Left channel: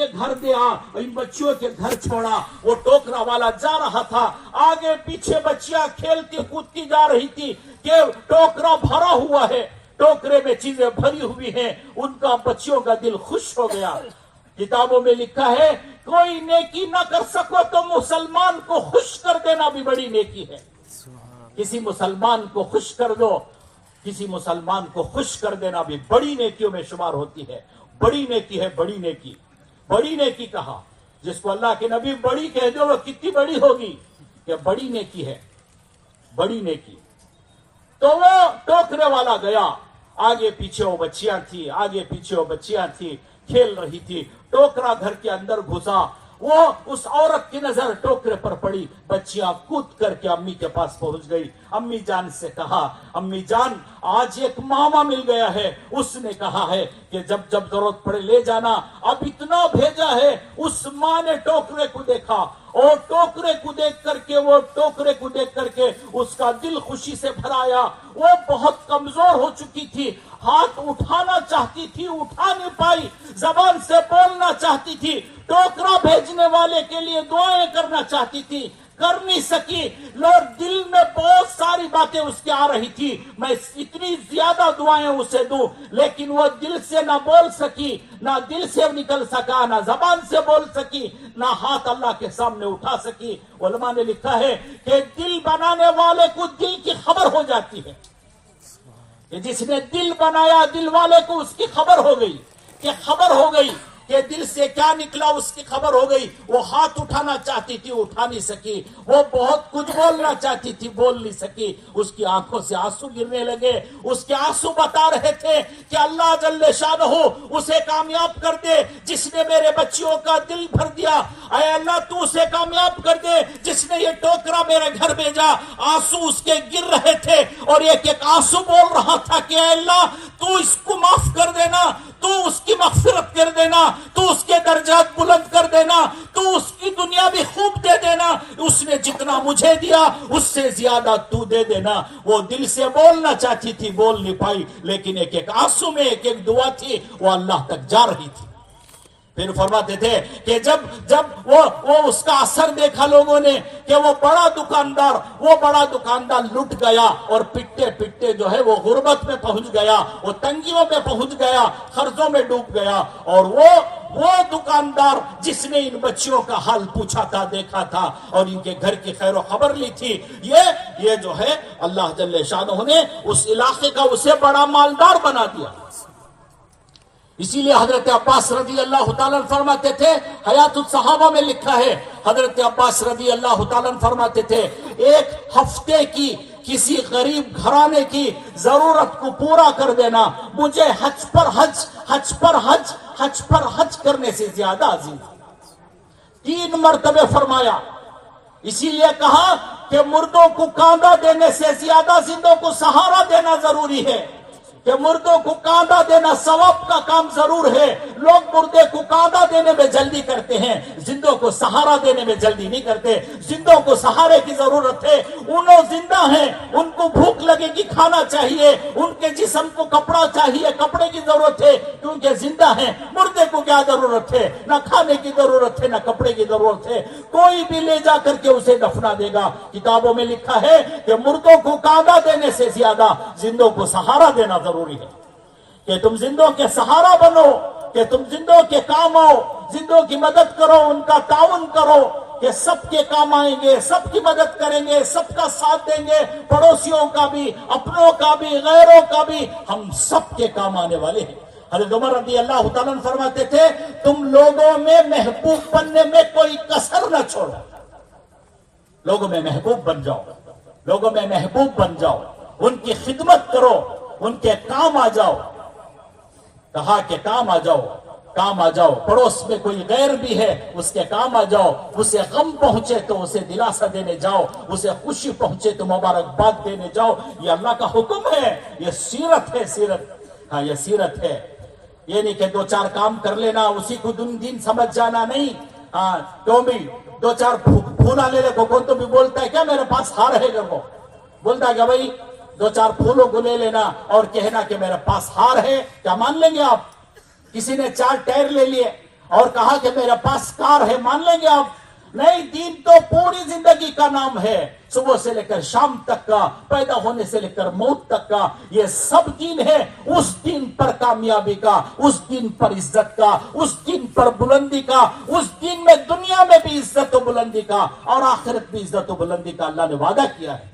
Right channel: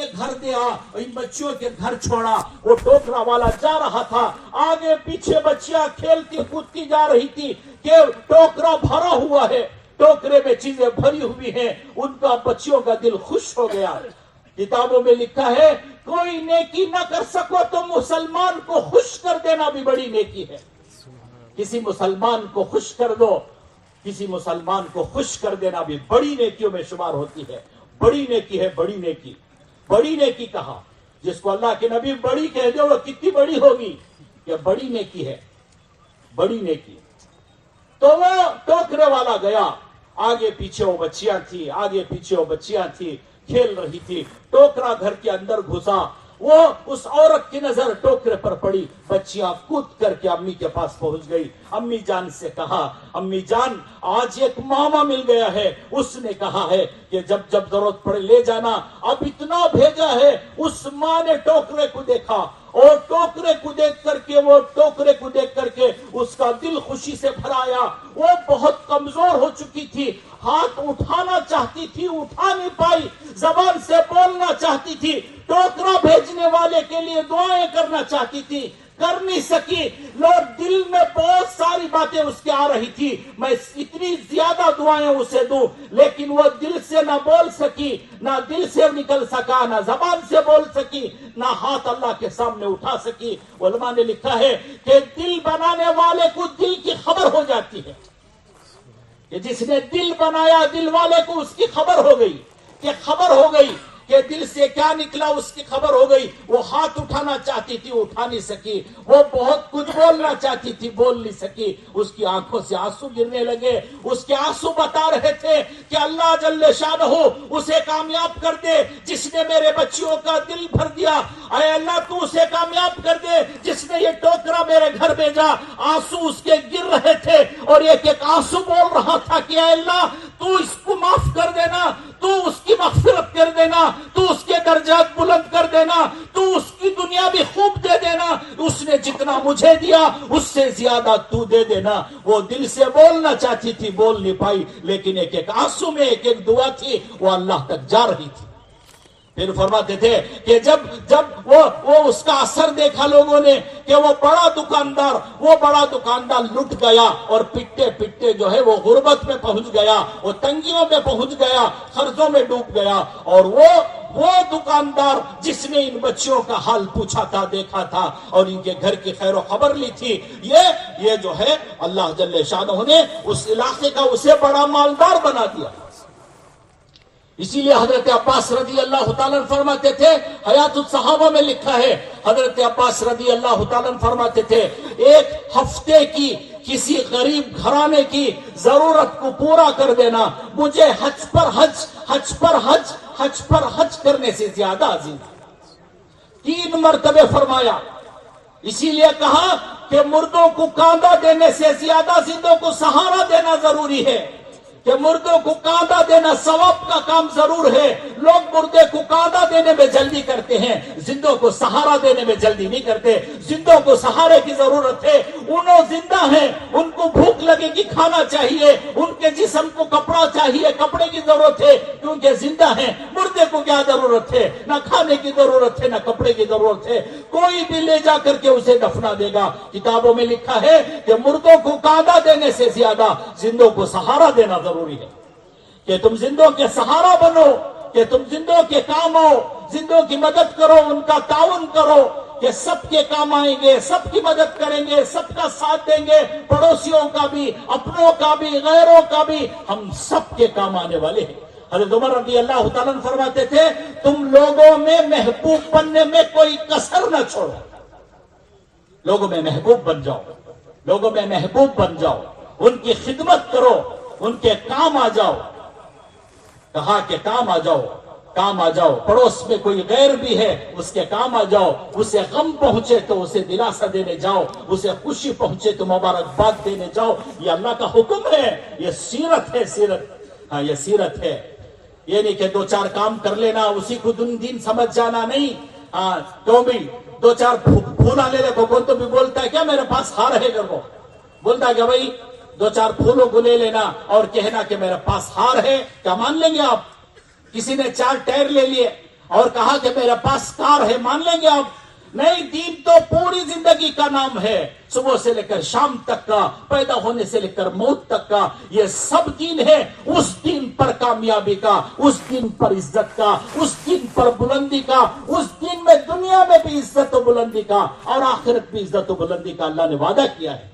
घर दिया, इन बच्चियों के घर छोड़ा। वो टोकरा वाला जा रहा था, आगे पीछे बच्चियां खेलती कूदती जा रही थी कि टोकरा भरा हुआ है, टोकरे में चीजें भरी हुई हैं। उनका बच्चियों का दिल खुश हो गया। किताबों में लिखा है, कोई नेकी न कर सको तो मुसलमान को खुश कर देना भी बड़ी नेकी है। किसी मुसलमान को खुश कर दो, किसी मुसलमान को खुश कर देना भी बड़ी नेकियों में शुमार होती है। बड़ी नेकी है, बड़ी नेकी। बड़ी नेकी कहा, जिसको अल्लाह के नबी बड़ी कह दो, वो कितनी बड़ी होगी? ये बड़ी नेकी है, बड़ी नेकी। तो वो टोकरे वाला गया, आगे पीछे वो बच्चियां थी, आगे पीछे वो बच्चियां थी, खेल रही थी। टोकरा घर के अंदर घुसा, वो उस औरत की नजर टोकरे पर पड़ी। बच्चियां कूद करके अम्मी के पास पहुंच गई। अम्मी जान से कहा, अम्मी जान आज एक मामा मिल गया है, उसने कहा है कि जब जब जरूरत पड़े ले जाना। अब इतना भेजा है। उस माँ ने टोकरे को देखा और टोकरे को देख करके उसका दिल खुशी से भराया। वो बहुत कमजोर हो चुकी थी, हाथ उठाना चाहती थी, उठा नहीं पाई, जबान से बोलना चाहती थी, टोकरा भेजने वाले के लिए दुआएं करना चाहती थी, कर नहीं सकी। लोग दिल में बहुत सारी बातें उसके आ रही थी, मैं इतनी ज्यादा दुआएं उसे दूं, लेकिन वो दिल से ना बोल सकी, ना दिल से निकल सका, ना जबान से बोल सकी, ना हाथ अल्लाह के सामने उठा सकी। उलमा ने लिखा है कि दिल बनाने वाले को दिल की खबर हो जाती है, कि जिसने दिल बनाया दिल वाले को उसकी खबर हो गई, कि दिल से क्या निकला उसकी खबर हो गई। वो हाथ उठाना चाहती थी, उठा नहीं सकी। वो बहुत कुछ बोलना चाहती थी, बोल नहीं सकी। उसकी आंखों से आंसू गिरने लगे। उसके आंसू बता रहे थे कि अल्लाह जल्ले शानहू उसे कामयाब कर दे जिसने मेरे बच्चियों का दिल भर दिया। अय अल्लाह तू उसे कामयाब कर दे जिसने ये टोकरा मेरे घर भेजा। आंसू उसके गिर रहे थे और एक एक आंसू बोल रहा था कि अल्लाह तू इसको माफ कर देना, तू उसकी मगफिरत कर देना, तू उसके दर्जात बुलंद कर देना, तू उसकी दुनिया भी खूब दे देना। उसने जितना मुझे दिया उससे ज्यादा तू दे देना। वो दिल से बोलना चाहती थी, बोल नहीं पाई, लेकिन एक एक आंसू में एक एक दुआ थी, वो अल्लाह तक जा रही थी। फिर फरमाते थे कि जब वो उसका असर देखा लोगों ने कि वो बड़ा दुकानदार लुट गया और पिटते पिटते जो है वो गुर्बत में पहुंच गया, वो तंगियों में पहुंच गया, कर्जों में डूब गया। और वो दुकानदार जिसने इन बच्चियों का हाल पूछा था, देखा था और इनके घर की खैर खबर ली थी, ये जो है अल्लाह जल्ले शानहू ने उस इलाके का उसे बड़ा मालदार बना दिया। इसीलिए हजरत अब्बास रदी अल्लाह तआला फरमाते थे, हयातुस सहाबा में लिखा है, हजरत अब्बास रदी अल्लाह तआला फरमाते थे, एक हफ्ते की किसी गरीब घराने की जरूरत को पूरा कर देना मुझे हज पर हज करने से ज्यादा अजीज। 3 मरतबे फरमाया। इसीलिए कहा कि मुर्दों को कांधा देने से ज्यादा जिंदों को सहारा देना जरूरी है, कि मुर्दों को कांधा देना सवाब का काम जरूर है। लोग मुर्दे को कांधा देने में जल्दी करते हैं, जिंदों को सहारा देने में जल्दी नहीं करते। जिंदों को सहारे की जरूरत है। उन्हों जिंदा हैं, उनको भूख लगेगी, खाना चाहिए, उनके जिस्म को कपड़ा चाहिए, कपड़े की जरूरत है क्योंकि जिंदा हैं। मुर्दे को क्या जरूरत है? ना खाने की जरूरत है, ना कपड़े की जरूरत है। कोई भी ले जा करके उसे दफना देगा। किताबों में लिखा है कि मुर्दों को कांधा देने से ज्यादा जिंदों को सहारा देना जरूरी है, कि तुम जिंदों के सहारा बनो, कि तुम जिंदों के काम आओ, जिंदों की मदद करो, उनका ताउन करो, कि सबके काम आएंगे, सबकी मदद करेंगे, सबका साथ देंगे, पड़ोसियों का भी, अपनों का भी, गैरों का भी, हम सबके काम आने वाले हैं। हज़रत उमर रज़ी अल्लाह तआला फरमाते थे, तुम लोगों में महबूब बनने में कोई कसर न छोड़ो, लोगों में महबूब बन जाओ, लोगों में महबूब बन जाओ, उनकी खिदमत करो, उनके काम आ जाओ। कहा कि काम आ जाओ। पड़ोस में कोई गैर भी है उसके काम आ जाओ। उसे गम पहुंचे तो उसे दिलासा देने जाओ, उसे खुशी पहुंचे तो मुबारकबाद देने जाओ। ये अल्लाह का हुक्म है, ये सीरत है, सीरत। हाँ, ये सीरत है। ये नहीं कि 2-4 काम कर लेना उसी को दिन समझ जाना, नहीं। हाँ, तो भी 2-4 फूला ले लो। कौन तो भी बोलता है क्या मेरे पास हार है, को बोलता है क्या भाई 2-4 फूलों को ले लेना और कहना कि मेरे पास हार है, क्या मान लेंगे आप? किसी ने 4 टायर ले लिए, اور کہا کہ میرے پاس کار ہے، مان لیں گے آپ؟ نہیں، دین تو پوری زندگی کا نام ہے، صبح سے لے کر شام تک کا، پیدا ہونے سے لے کر موت تک کا، یہ سب دین ہے۔ اس دین پر کامیابی کا، اس دین پر عزت کا، اس دین پر بلندی کا، اس دین میں دنیا میں بھی عزت و بلندی کا اور آخرت بھی عزت و بلندی کا اللہ نے وعدہ کیا ہے۔